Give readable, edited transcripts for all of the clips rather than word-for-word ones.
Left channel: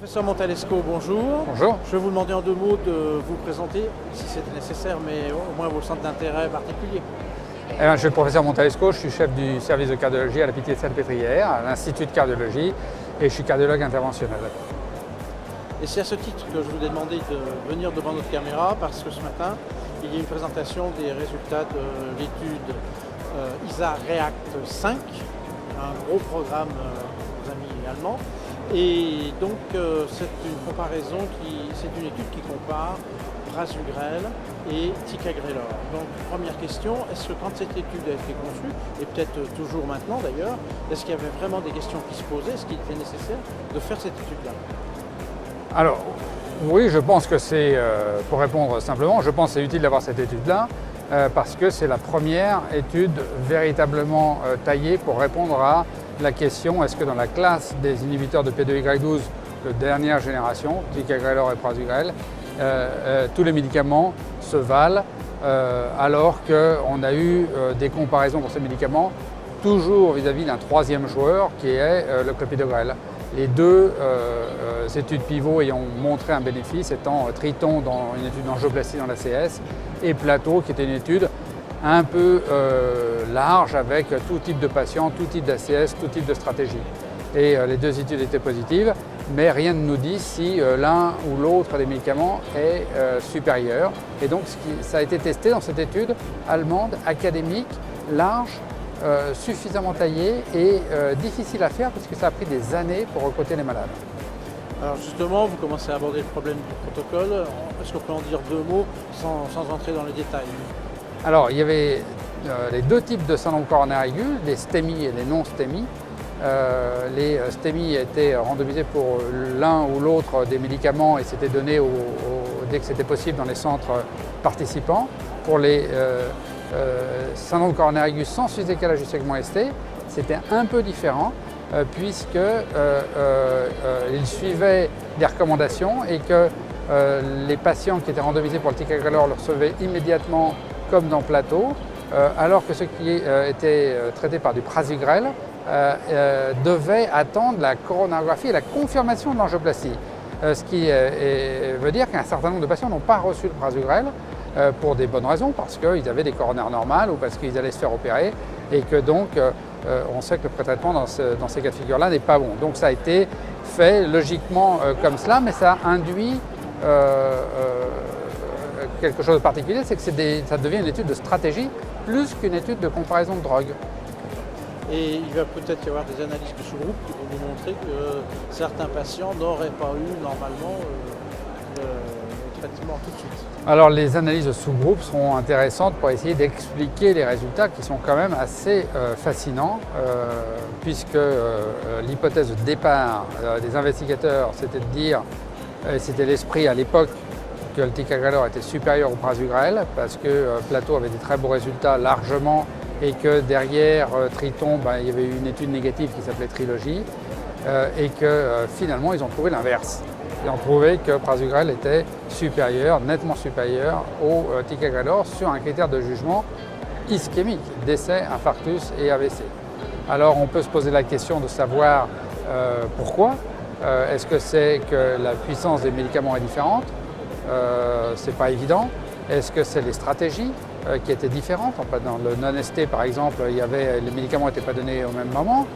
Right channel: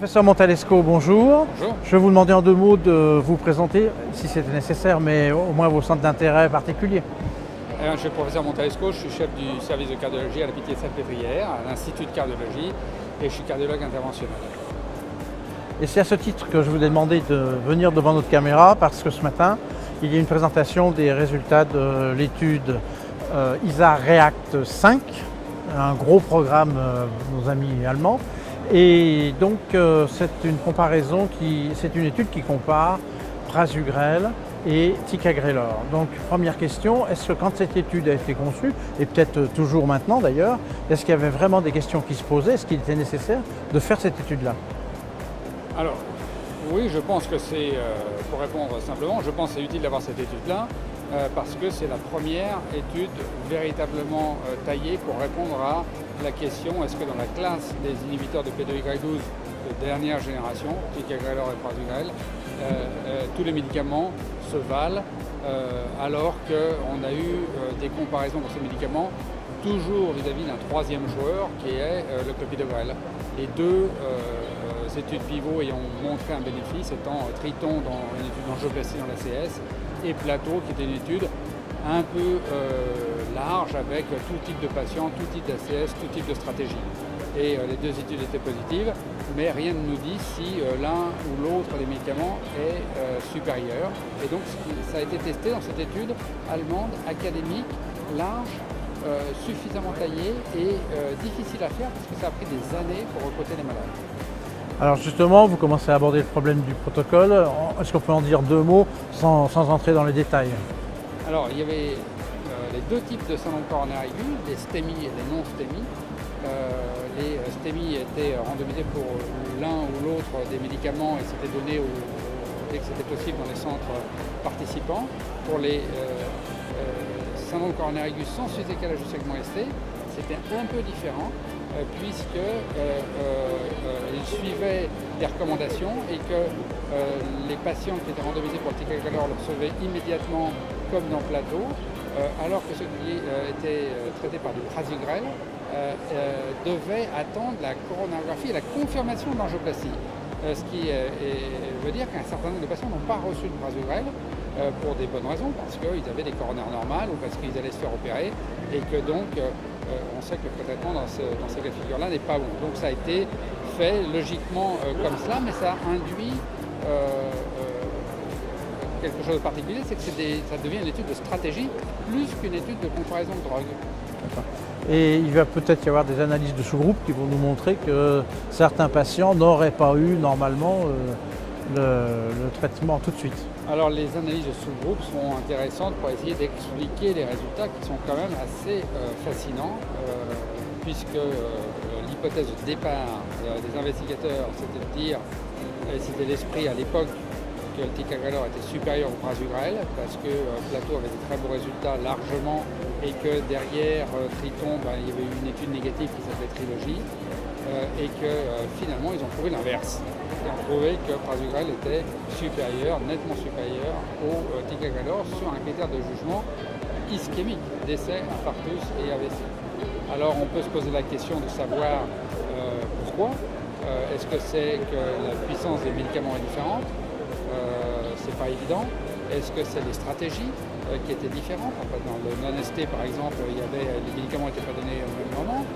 Professeur Montalesco, bonjour. Bonjour. Je vais vous demander en deux mots de vous présenter, si c'était nécessaire, mais au moins vos centres d'intérêt particuliers. Je suis le professeur Montalesco, je suis chef du service de cardiologie à la Pitié-Salpêtrière, à l'Institut de cardiologie, et je suis cardiologue interventionnel. Et c'est à ce titre que je vous ai demandé de venir devant notre caméra, parce que ce matin, il y a une présentation des résultats de l'étude ISA REACT 5, un gros programme de nos amis allemands. Et donc c'est une étude qui compare prasugrel et ticagrelor. Donc première question, est-ce que quand cette étude a été conçue, et peut-être toujours maintenant d'ailleurs, est-ce qu'il y avait vraiment des questions qui se posaient, est-ce qu'il était nécessaire de faire cette étude-là? Alors, oui, je pense que c'est, pour répondre simplement, je pense que c'est utile d'avoir cette étude-là, parce que c'est la première étude véritablement taillée pour répondre à la question est-ce que dans la classe des inhibiteurs de P2Y12 de dernière génération, ticagrelor et prasugrel, tous les médicaments se valent, alors qu'on a eu des comparaisons pour ces médicaments toujours vis-à-vis d'un troisième joueur qui est le clopidogrel. Les deux études pivots ayant montré un bénéfice étant Triton dans une étude d'angioplastie dans l'ACS et Plateau qui était une étude un peu large avec tout type de patients, tout type d'ACS, tout type de stratégie. Et les deux études étaient positives, mais rien ne nous dit si l'un ou l'autre des médicaments est supérieur. Et donc ça a été testé dans cette étude allemande, académique, large, suffisamment taillée et difficile à faire parce que ça a pris des années pour recruter les malades. Alors justement, vous commencez à aborder le problème du protocole. Est-ce qu'on peut en dire deux mots sans entrer dans les détails? Alors, il y avait les deux types de syndrome coronaire aigu, les STEMI et les non-STEMI. Les STEMI étaient randomisés pour l'un ou l'autre des médicaments et c'était donné dès que c'était possible dans les centres participants. Pour les syndrome coronaire aigu sans sous-décalage du segment ST, c'était un peu différent puisqu'ils suivaient des recommandations et que les patients qui étaient randomisés pour le ticagrelor le recevaient immédiatement comme dans Plateau, alors que ceux qui étaient traités par du prasugrel devaient attendre la coronarographie et la confirmation de l'angioplastie. Ce qui veut dire qu'un certain nombre de patients n'ont pas reçu le prasugrel pour des bonnes raisons, parce qu'ils avaient des coronaires normales ou parce qu'ils allaient se faire opérer et que donc on sait que le pré-traitement dans ces cas de figure-là n'est pas bon. Donc ça a été fait logiquement comme cela, mais ça induit quelque chose de particulier, c'est que ça devient une étude de stratégie plus qu'une étude de comparaison de drogue. Et il va peut-être y avoir des analyses de sous-groupes qui vont nous montrer que certains patients n'auraient pas eu normalement le traitement tout de suite. Alors les analyses de sous-groupes seront intéressantes pour essayer d'expliquer les résultats qui sont quand même assez fascinants, puisque l'hypothèse de départ des investigateurs, c'était de dire, c'était l'esprit à l'époque, que le ticagrelor était supérieur au prasugrel parce que Plateau avait des très beaux résultats largement et que derrière Triton, il y avait eu une étude négative qui s'appelait Trilogie et que finalement ils ont trouvé l'inverse. Ils ont trouvé que prasugrel était supérieur, nettement supérieur au ticagrelor sur un critère de jugement ischémique, décès, infarctus et AVC. Alors on peut se poser la question de savoir pourquoi. Est-ce que c'est que la puissance des médicaments est différente? C'est pas évident. Est-ce que c'est les stratégies qui étaient différentes? Dans le non-ST par exemple, les médicaments n'étaient pas donnés au même moment.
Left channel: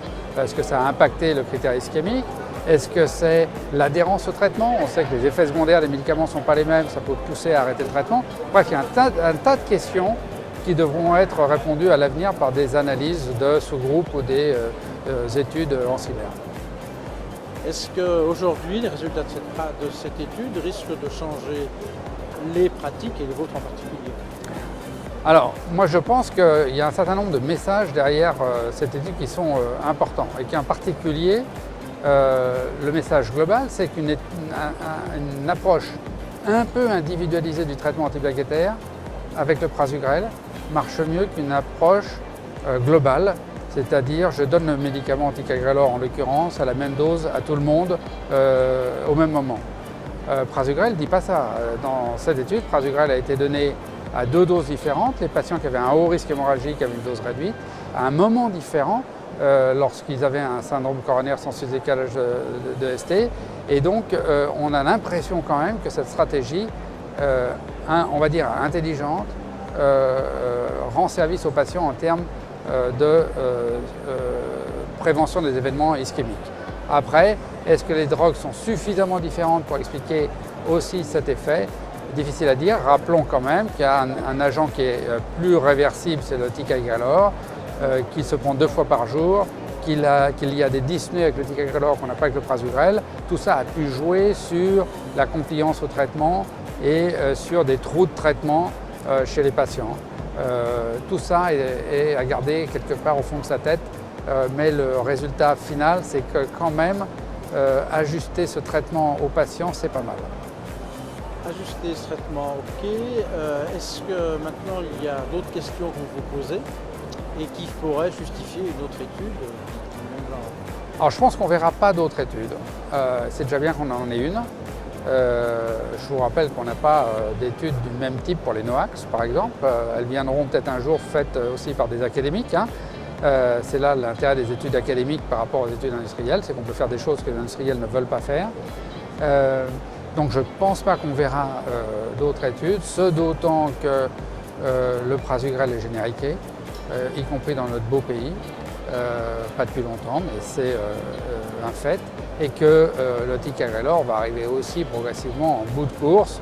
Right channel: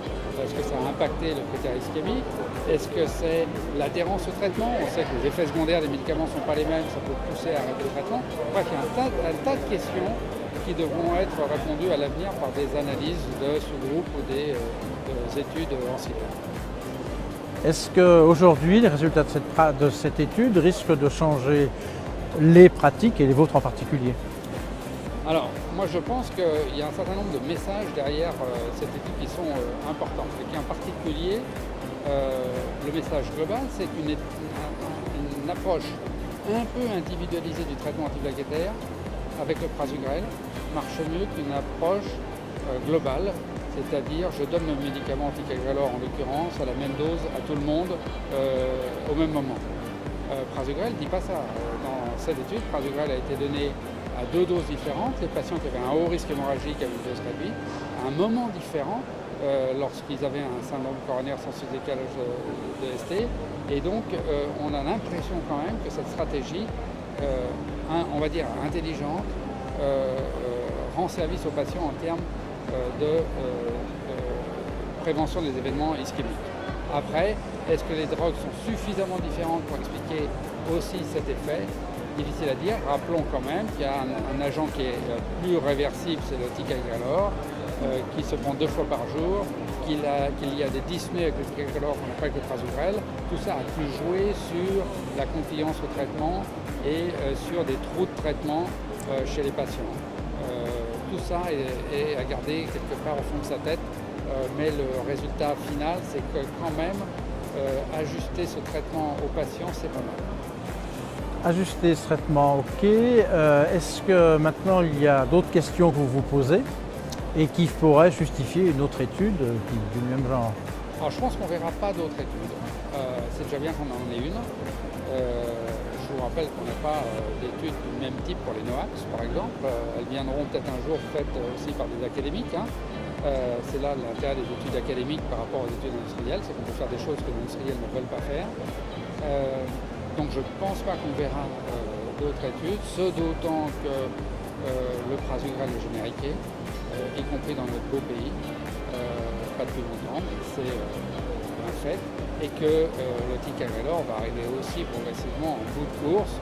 Est-ce que ça a impacté le critère ischémique? Est-ce que c'est l'adhérence au traitement? On sait que les effets secondaires des médicaments ne sont pas les mêmes, ça peut pousser à arrêter le traitement. Bref, il y a un tas de questions qui devront être répondues à l'avenir par des analyses de sous-groupes ou des études en cyber. Est-ce qu'aujourd'hui, les résultats de cette étude risquent de changer les pratiques et les vôtres en particulier? Alors, moi je pense qu'il y a un certain nombre de messages derrière cette étude qui sont importants et qui en particulier, le message global, c'est qu'une approche un peu individualisée du traitement antiplaquettaire avec le prasugrel marche mieux qu'une approche globale. C'est-à-dire, je donne le médicament ticagrelor en l'occurrence à la même dose à tout le monde au même moment. Prasugrel ne dit pas ça. Dans cette étude, prasugrel a été donné à deux doses différentes. Les patients qui avaient un haut risque hémorragique avaient une dose réduite à un moment différent lorsqu'ils avaient un syndrome coronaire sans sous-décalage de ST. Et donc, on a l'impression quand même que cette stratégie, on va dire intelligente, rend service aux patients en termes de prévention des événements ischémiques. Après, est-ce que les drogues sont suffisamment différentes pour expliquer aussi cet effet? Difficile à dire. Rappelons quand même qu'il y a un agent qui est plus réversible, c'est le ticagrelor, qui se prend 2 fois par jour, qu'il y a des dyspnées avec le ticagrelor qu'on n'a pas avec le prasugrel. Tout ça a pu jouer sur la compliance au traitement et sur des trous de traitement chez les patients. Tout ça est à garder quelque part au fond de sa tête, mais le résultat final, c'est que quand même, ajuster ce traitement aux patients, c'est pas mal. Ajuster ce traitement, ok. Est-ce que maintenant il y a d'autres questions que vous vous posez et qui pourraient justifier une autre étude du même genre? Alors je pense qu'on ne verra pas d'autres études. C'est déjà bien qu'on en ait une. Je vous rappelle qu'on n'a pas d'études du même type pour les NOACs, par exemple. Elles viendront peut-être un jour faites aussi par des académiques. C'est là l'intérêt des études académiques par rapport aux études industrielles, c'est qu'on peut faire des choses que les industriels ne veulent pas faire. Donc je ne pense pas qu'on verra d'autres études, ce d'autant que le prasugrel est génériqué, y compris dans notre beau pays, pas depuis longtemps, mais c'est un fait, et que le ticagrelor va arriver aussi progressivement en bout de course,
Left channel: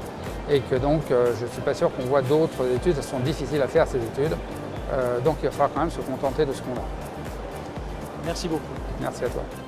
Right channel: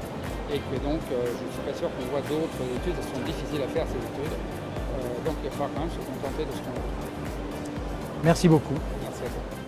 et que donc je ne suis pas sûr qu'on voit d'autres études, elles sont difficiles à faire ces études, donc il va falloir quand même se contenter de ce qu'on a. Merci beaucoup. Merci à toi.